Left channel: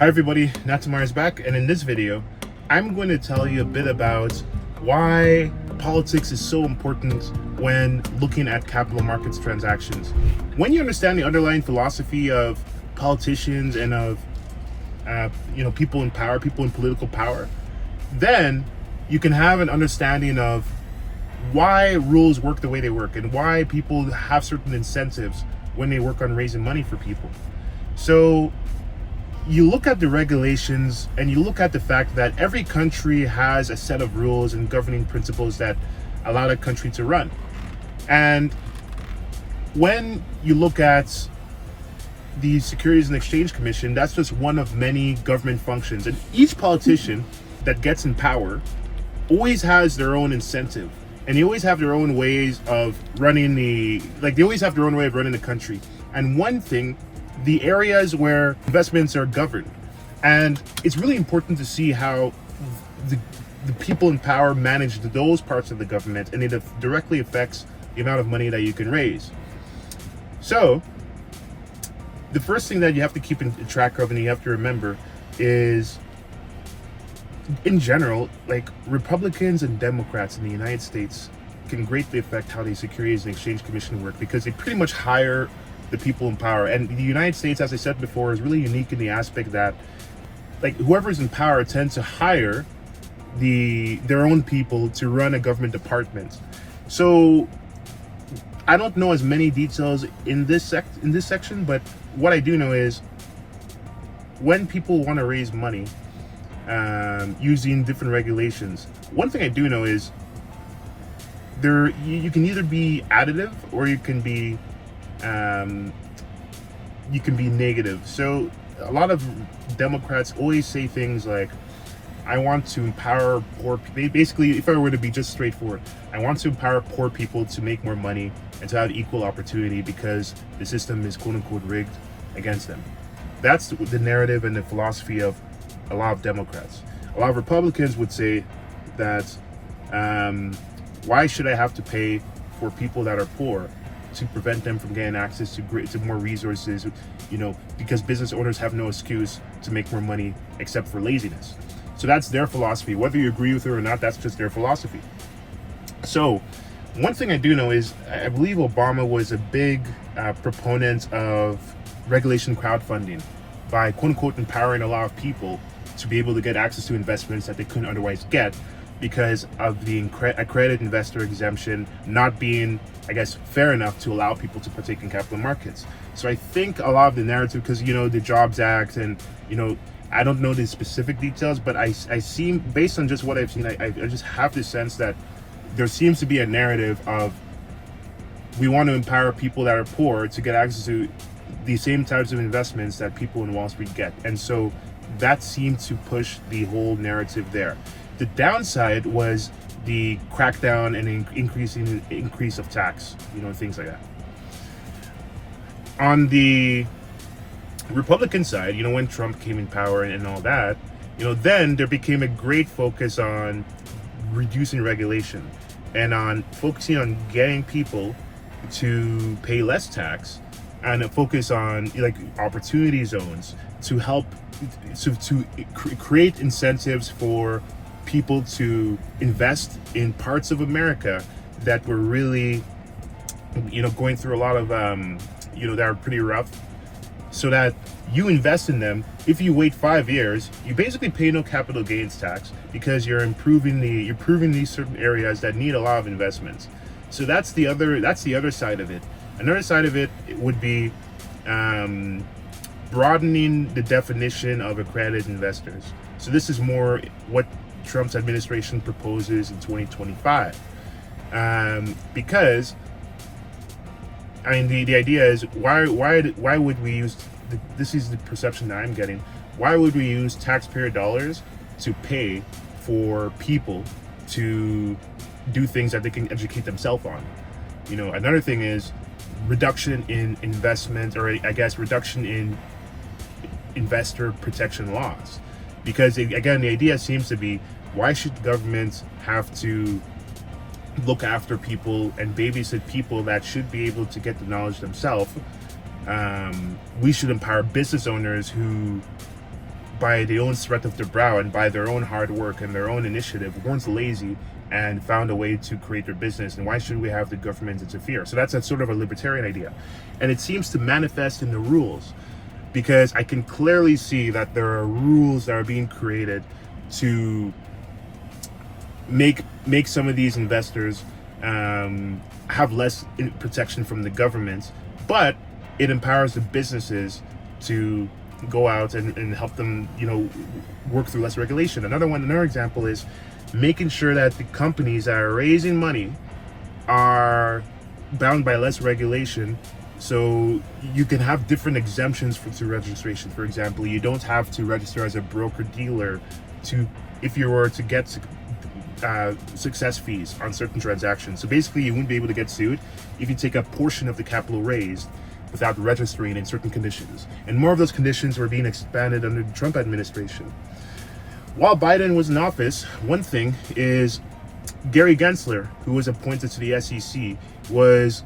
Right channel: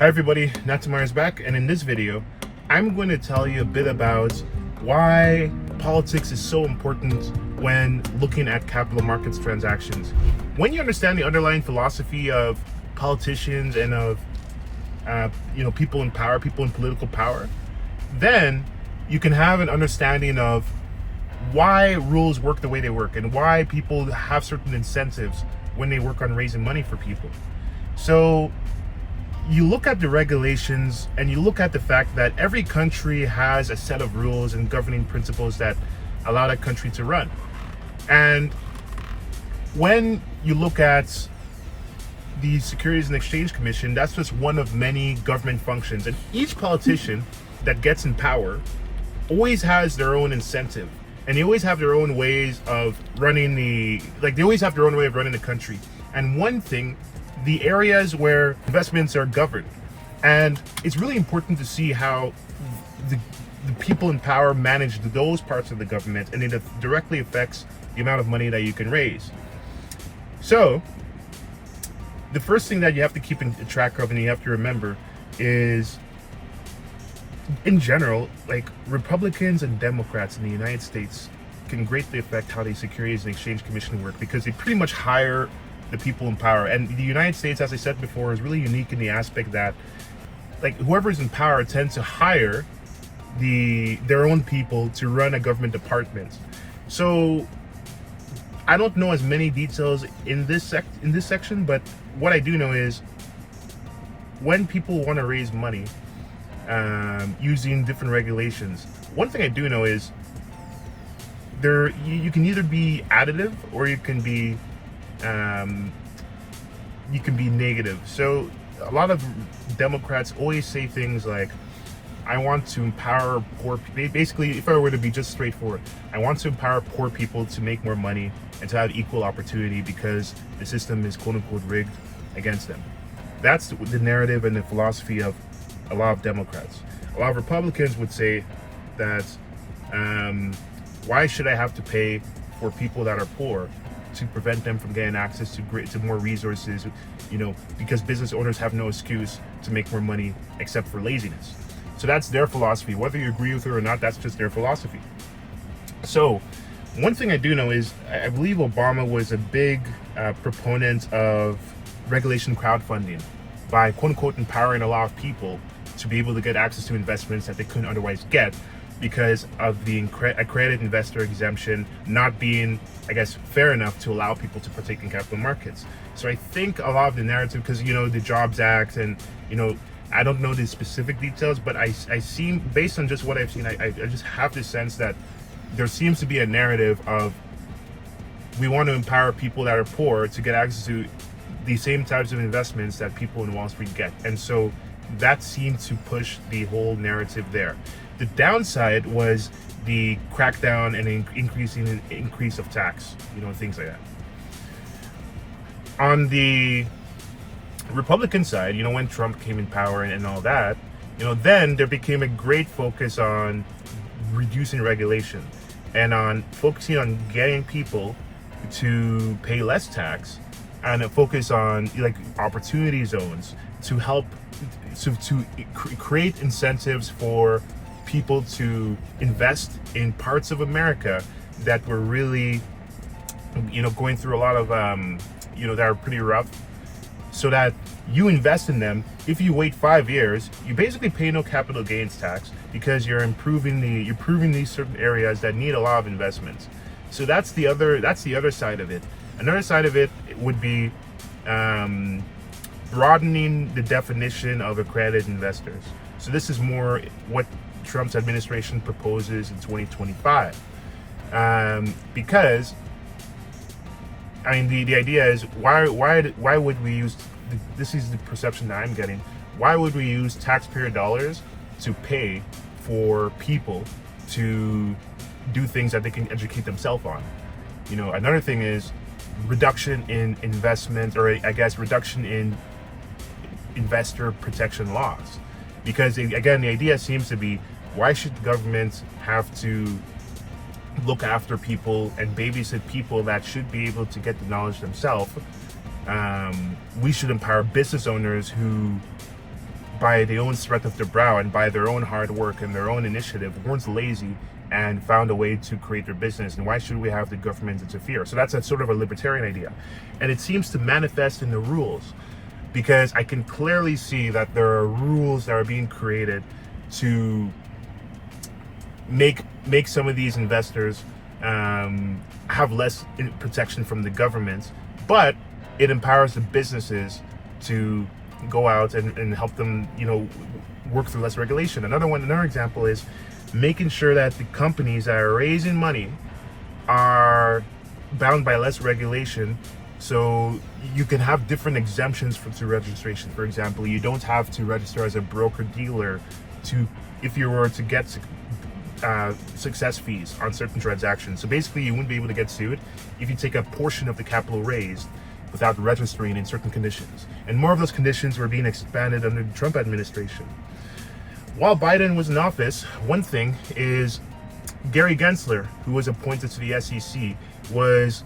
Hi everybody, Natamar is back, and in this video, I'm going to tell you a bit about why politics is so important when looking at capital markets transactions. When you understand the underlying philosophy of politicians and of people in power, people in political power, then you can have an understanding of why rules work the way they work and why people have certain incentives when they work on raising money for people. So you look at the regulations and you look at the fact that every country has a set of rules and governing principles that allow that country to run. And when you look at the Securities and Exchange Commission, that's just one of many government functions. And each politician that gets in power always has their own incentive. And they always have their own ways of running they always have their own way of running the country. And one thing, the areas where investments are governed. And it's really important to see how the people in power manage those parts of the government, and it directly affects the amount of money that you can raise. So the first thing that you have to keep in track of and you have to remember is, in general, like Republicans and Democrats in the United States can greatly affect how the Securities and Exchange Commission work, because they pretty much hire the people in power. And the United States, as I said before, is really unique in the aspect that whoever's in power tends to hire their own people to run a government department. So I don't know as many details in this section, but what I do know is when people want to raise money using different regulations, one thing I do know is you can either be additive or you can be negative. So a lot of Democrats always say things like, I want to empower poor people. Basically, if I were to be just straightforward, I want to empower poor people to make more money and to have equal opportunity because the system is quote unquote rigged against them. That's the narrative and the philosophy of a lot of Democrats. A lot of Republicans would say that why should I have to pay for people that are poor to prevent them from getting access to more resources, because business owners have no excuse to make more money except for laziness. So that's their philosophy. Whether you agree with it or not, that's just their philosophy. So one thing I do know is I believe Obama was a big proponent of regulation crowdfunding by quote unquote empowering a lot of people to be able to get access to investments that they couldn't otherwise get because of the accredited investor exemption not being, I guess, fair enough to allow people to partake in capital markets. So I think a lot of the narrative, because the Jobs Act and I don't know the specific details, but I seem, based on just what I've seen, I just have this sense that there seems to be a narrative of we want to empower people that are poor to get access to the same types of investments that people in Wall Street get. And so that seemed to push the whole narrative there. The downside was the crackdown and increase of tax, things like that. On the Republican side, when Trump came in power and all that, then there became a great focus on reducing regulation and on focusing on getting people to pay less tax, and a focus on opportunity zones to help to create incentives for people to invest in parts of America that were really going through a lot of that are pretty rough, so that you invest in them. If you wait 5 years, you basically pay no capital gains tax because you're improving these certain areas that need a lot of investments. So that's the other side of it. Another side of it would be broadening the definition of accredited investors. So this is more what Trump's administration proposes in 2025, because the idea is why would we use this is the perception that I'm getting. Why would we use taxpayer dollars to pay for people to do things that they can educate themselves on? Another thing is reduction in investment, or I guess reduction in investor protection laws. Because again, the idea seems to be, why should governments have to look after people and babysit people that should be able to get the knowledge themselves? We should empower business owners who by the own sweat of their brow and by their own hard work and their own initiative, weren't lazy and found a way to create their business. And why should we have the government interfere? So that's a sort of a libertarian idea. And it seems to manifest in the rules, because I can clearly see that there are rules that are being created to make some of these investors have less protection from the government, but it empowers the businesses to go out and help them, work through less regulation. Another example is making sure that the companies that are raising money are bound by less regulation. So you can have different exemptions to registration. For example, you don't have to register as a broker dealer if you were to get success fees on certain transactions. So basically, you wouldn't be able to get sued if you take a portion of the capital raised without registering in certain conditions. And more of those conditions were being expanded under the Trump administration. While Biden was in office, one thing is Gary Gensler, who was appointed to the SEC, was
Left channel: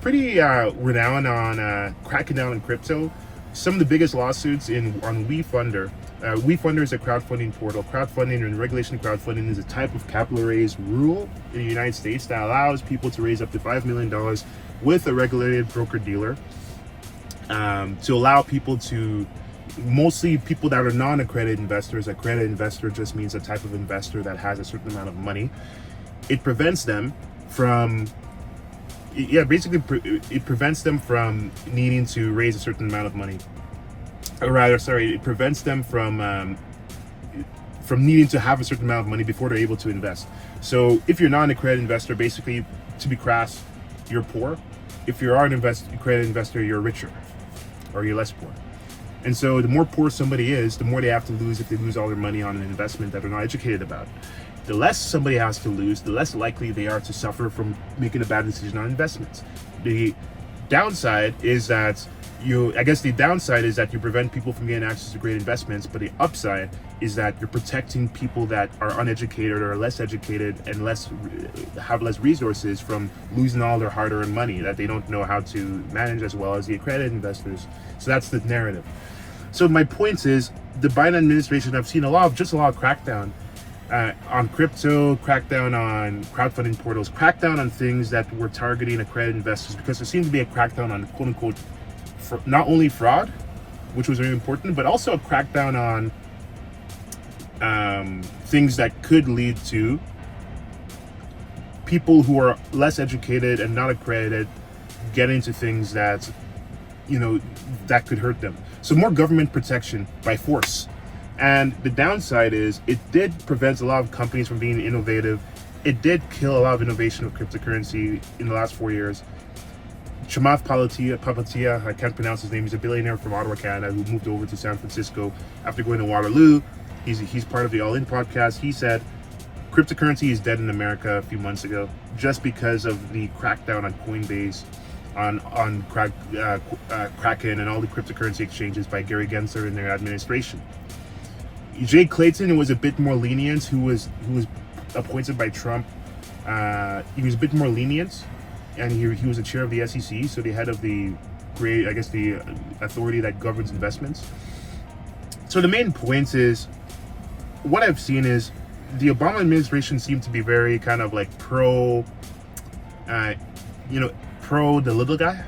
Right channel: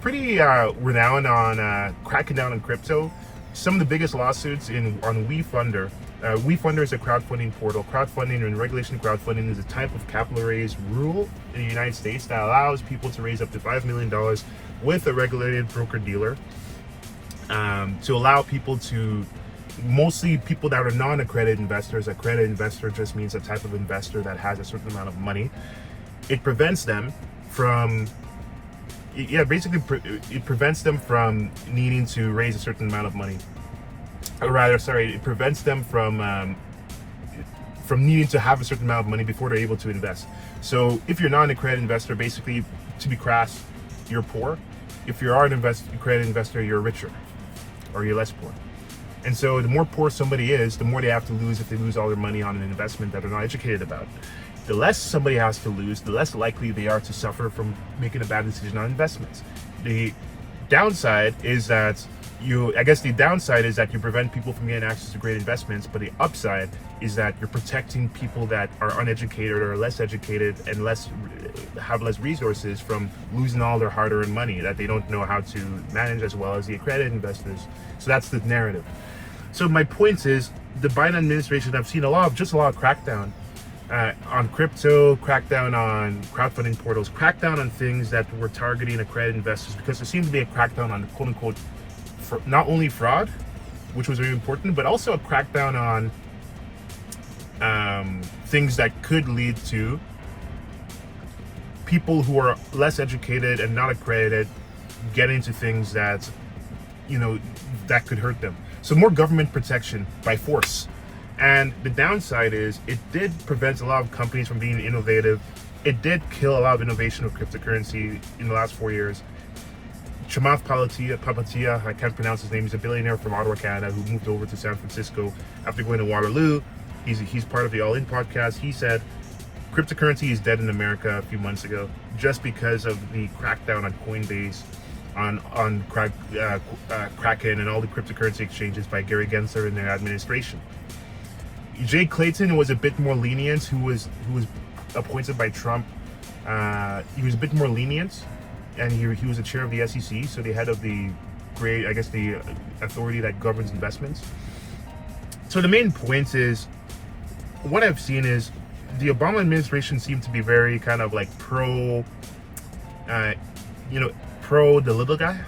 pretty renowned on cracking down on crypto. Some of the biggest lawsuits on WeFunder. WeFunder is a crowdfunding portal. Crowdfunding and regulation of crowdfunding is a type of capital raise rule in the United States that allows people to raise up to $5 million with a regulated broker dealer, to allow people to, mostly people that are non-accredited investors. Accredited investor just means a type of investor that has a certain amount of money. It prevents them from it prevents them from needing to raise a certain amount of money. It prevents them from needing to have a certain amount of money before they're able to invest. So if you're not an accredited investor, basically, to be crass, you're poor. If you are an accredited investor, you're richer, or you're less poor. And so the more poor somebody is, the more they have to lose if they lose all their money on an investment that they're not educated about. The less somebody has to lose, the less likely they are to suffer from making a bad decision on investments. The downside is that you prevent people from getting access to great investments, but the upside is that you're protecting people that are uneducated or less educated and have less resources from losing all their hard-earned money that they don't know how to manage as well as the accredited investors. So that's the narrative. So my point is, the Biden administration, I've seen a lot of crackdown on crypto, crackdown on crowdfunding portals, crackdown on things that were targeting accredited investors, because there seemed to be a crackdown on quote-unquote not only fraud, which was very important, but also a crackdown on things that could lead to people who are less educated and not accredited getting into things that that could hurt them. So more government protection by force. And the downside is it did prevent a lot of companies from being innovative. It did kill a lot of innovation of cryptocurrency in the last 4 years. Chamath Palihapitiya, I can't pronounce his name. He's a billionaire from Ottawa, Canada, who moved over to San Francisco after going to Waterloo. He's part of the All In podcast. He said cryptocurrency is dead in America a few months ago, just because of the crackdown on Coinbase, on Kraken, and all the cryptocurrency exchanges by Gary Gensler and their administration. Jay Clayton was a bit more lenient, who was appointed by Trump. He was a bit more lenient, and he was the chair of the SEC, so the head of the authority that governs investments. So the main point is, what I've seen is the Obama administration seemed to be very kind of like pro the little guy,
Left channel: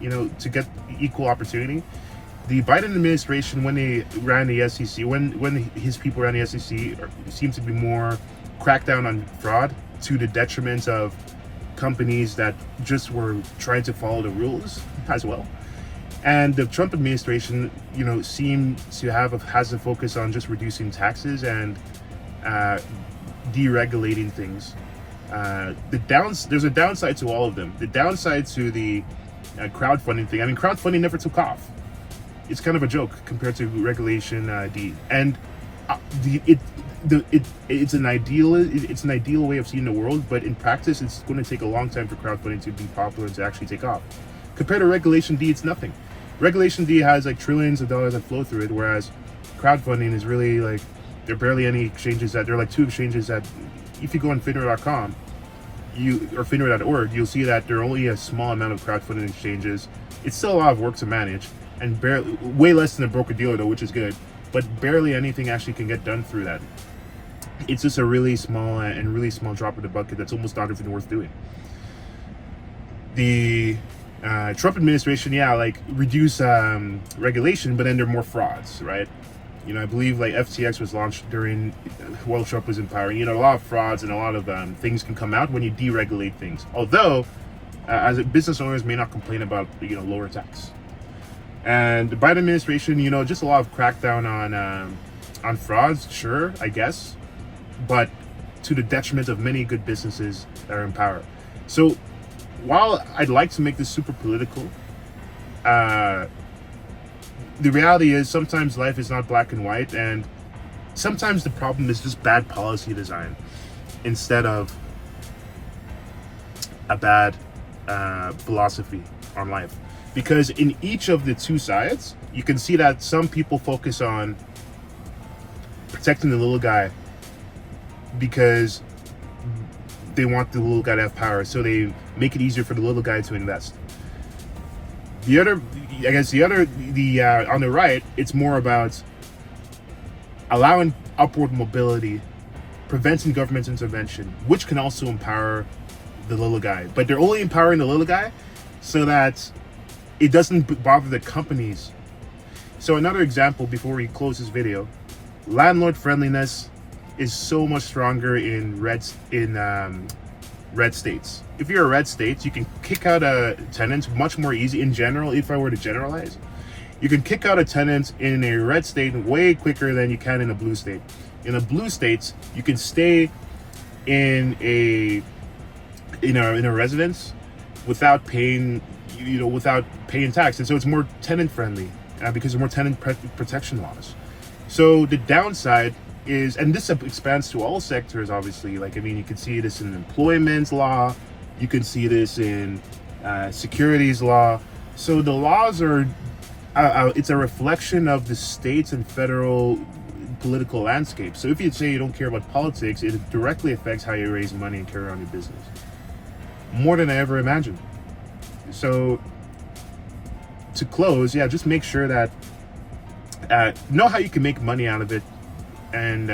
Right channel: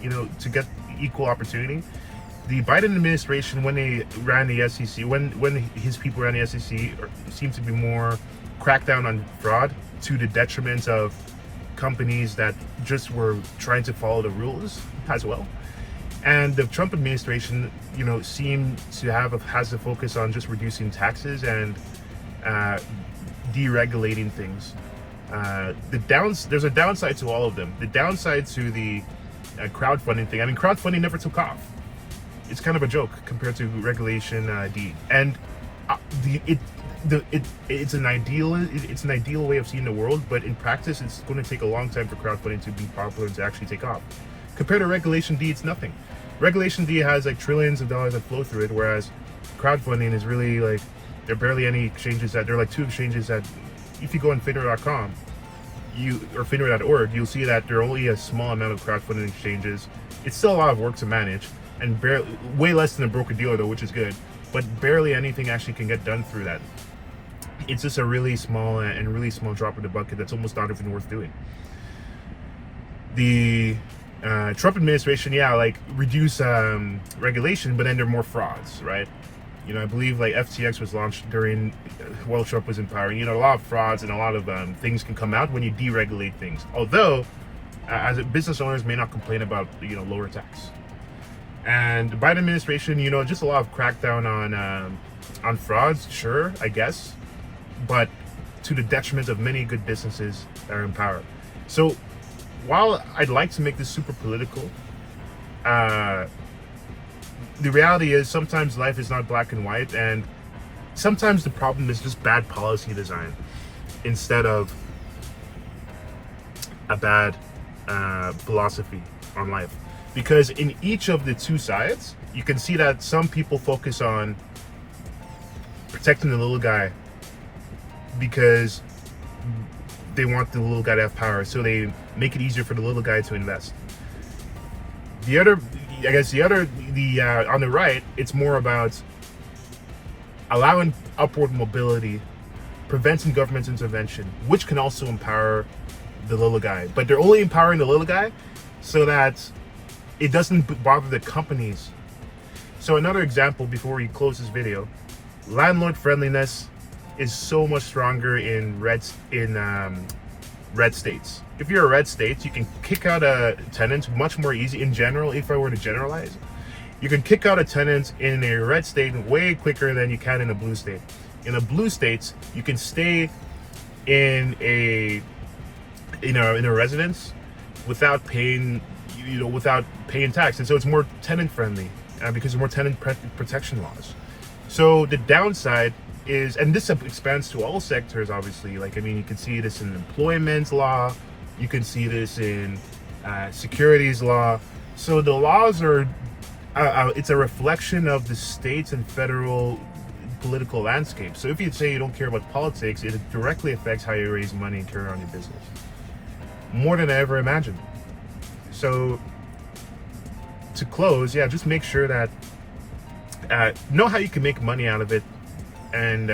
to get equal opportunity. The Biden administration, when they ran the SEC, when his people ran the SEC, seemed to be more crackdown on fraud to the detriment of companies that just were trying to follow the rules as well. And the Trump administration, seemed to has a focus on just reducing taxes and deregulating things. There's a downside to all of them. The downside to the crowdfunding thing. I mean, crowdfunding never took off. It's kind of a joke compared to Regulation D. And it's an ideal way of seeing the world, but in practice, it's going to take a long time for crowdfunding to be popular and to actually take off. Compared to Regulation D, it's nothing. Regulation D has like trillions of dollars that flow through it, whereas crowdfunding is really like, there are barely any exchanges there are like 2 exchanges that, if you go on Finra.com, or Finra.org, you'll see that there are only a small amount of crowdfunding exchanges. It's still a lot of work to manage, and way less than a broker dealer though, which is good. but barely anything actually can get done through that. It's just a really small drop in the bucket that's almost not even worth doing. The Trump administration, reduce regulation, but then there are more frauds, right? I believe like FTX was launched during while Trump was in power. A lot of frauds and a lot of things can come out when you deregulate things. Although, as business owners may not complain about lower tax. And the Biden administration, just a lot of crackdown on frauds, sure, I guess, but to the detriment of many good businesses that are in power. So while I'd like to make this super political, the reality is sometimes life is not black and white, and sometimes the problem is just bad policy design instead of a bad philosophy on life. Because in each of the two sides, you can see that some people focus on protecting the little guy because they want the little guy to have power, so they make it easier for the little guy to invest. On the right, it's more about allowing upward mobility, preventing government intervention, which can also empower the little guy. But they're only empowering the little guy so that it doesn't bother the companies. So another example before we close this video, landlord friendliness is so much stronger in red states. If you're a red state, you can kick out a tenant much more easy in general. If I were to generalize, you can kick out a tenant in a red state way quicker than you can in a blue state. In a blue state, you can stay in a residence without paying tax, and so it's more tenant friendly because of more tenant protection laws. So the downside is, and this expands to all sectors, obviously. You can see this in employment law, you can see this in securities law. So the laws are, it's a reflection of the states and federal political landscape. So if you say you don't care about politics, it directly affects how you raise money and carry on your business. More than I ever imagined. So to close, just make sure that know how you can make money out of it, and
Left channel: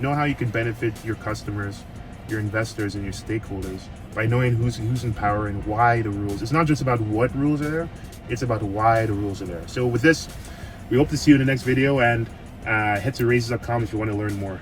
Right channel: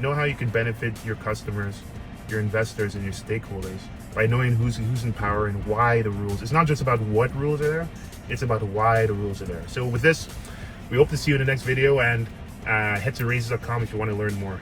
know how you can benefit your customers, your investors, and your stakeholders by knowing who's in power and why the rules. It's not just about what rules are there, it's about why the rules are there. So with this, we hope to see you in the next video, and head to raises.com if you want to learn more.